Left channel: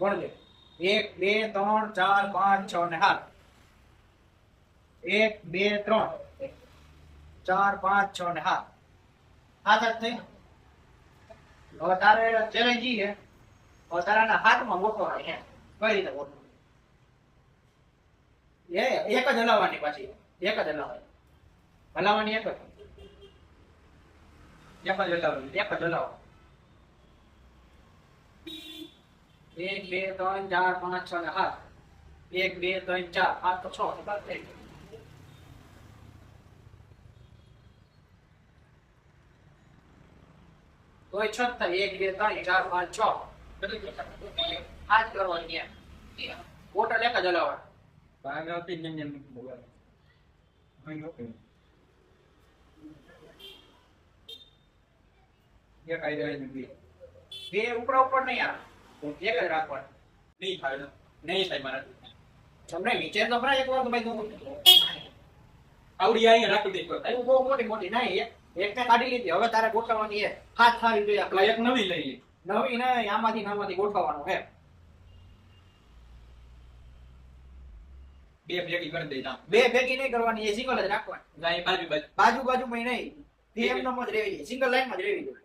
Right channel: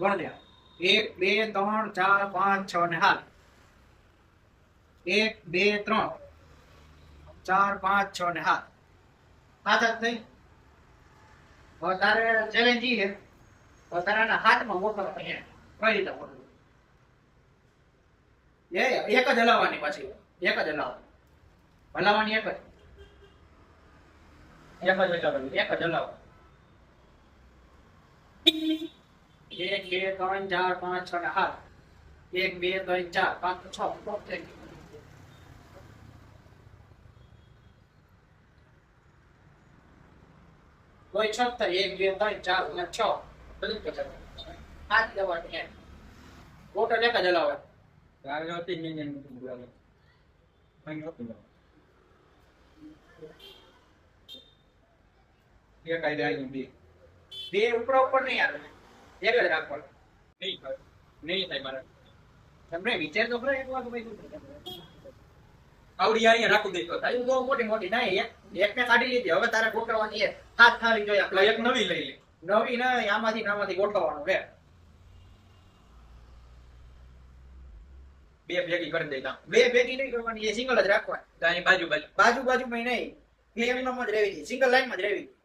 ગણ દે 1 2 3 4 5 6 ને 7 1 2 3 4 5 6 ને 7 7 થઈ હવે તારે ચેલેન્જ ઈ છે હવે તારાના હાથમાં ગોઠવવાની હે કઈ રીતે ગોઠવવું એક જ હલાવવાની પાછી એક જ હલાવવાની એક જ હલાવવાની 1 2 3 4 5 6 ને 7 1 2 3 4 5 6 થઈ ગયું કોઈ છત થાય 1 2 3 4 5 6 બધું કે હાથ કરવાની એમ બોટલ એક જ હલાવવાની ભાગવતી ને બોલાવે ભાગવતી એક આઈડિયા બે ઉપરા ઉપર નહીં આવે એક જ રાખવાનું નહીં થાય નહીં થાય મારા તમને વિચાર તો ખરા એકવાર તો ભાઈ તું આવડી અહીંયા રાખી દેતો થાય બહુ મોટી મોટી નહીં એક ને કાઢી લીધી હવે તારે ગોઠવવાની એ હાથ થાળી જોઈએ એટલે એક નવી લઈ લે નવી ને આમાંથી ગોઠવવાનું હે બે ભેગી કરી દેતા બે ભેગી નહીં કરવાની એ સિંગલ જ રાખવાની ગાય બાજુ બાજુ બાજુ માં નહીં પીએમ નો જ રહેવી સિંગલ લાઈન માં જ રહેવી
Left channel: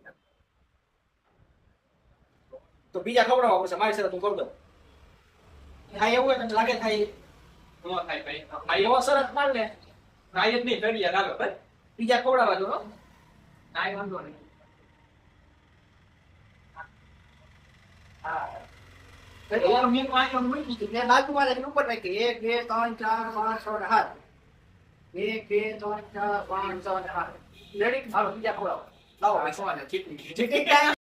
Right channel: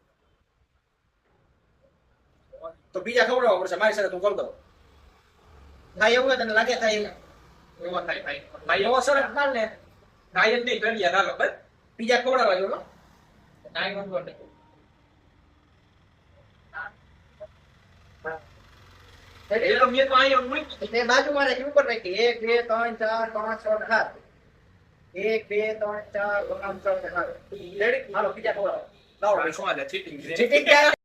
તો બીજા ખવડાવવા પડશે મારી સાથે તું કર દો થાય એવું તને લાગે થાય નો થાય ભાઈ ભાઈ એવો સરસ માર ને ગાય જ નહીં કરીએ ના બસ બીજા ખવડાવવા જોડો કાઈ વાંધો નહીં એ તો મેં તો અહીંયા મૂકી તે બાજુમાં રાખી ઉપર રાખી 1 2 3 4 5 6 ને 7 1 2 3 4 5 6 ને 7 રેડી મારો બીજા ખવડાવો લાવો ભાઈ શું આ ચીટિંગ ચીટિંગ ક્યાં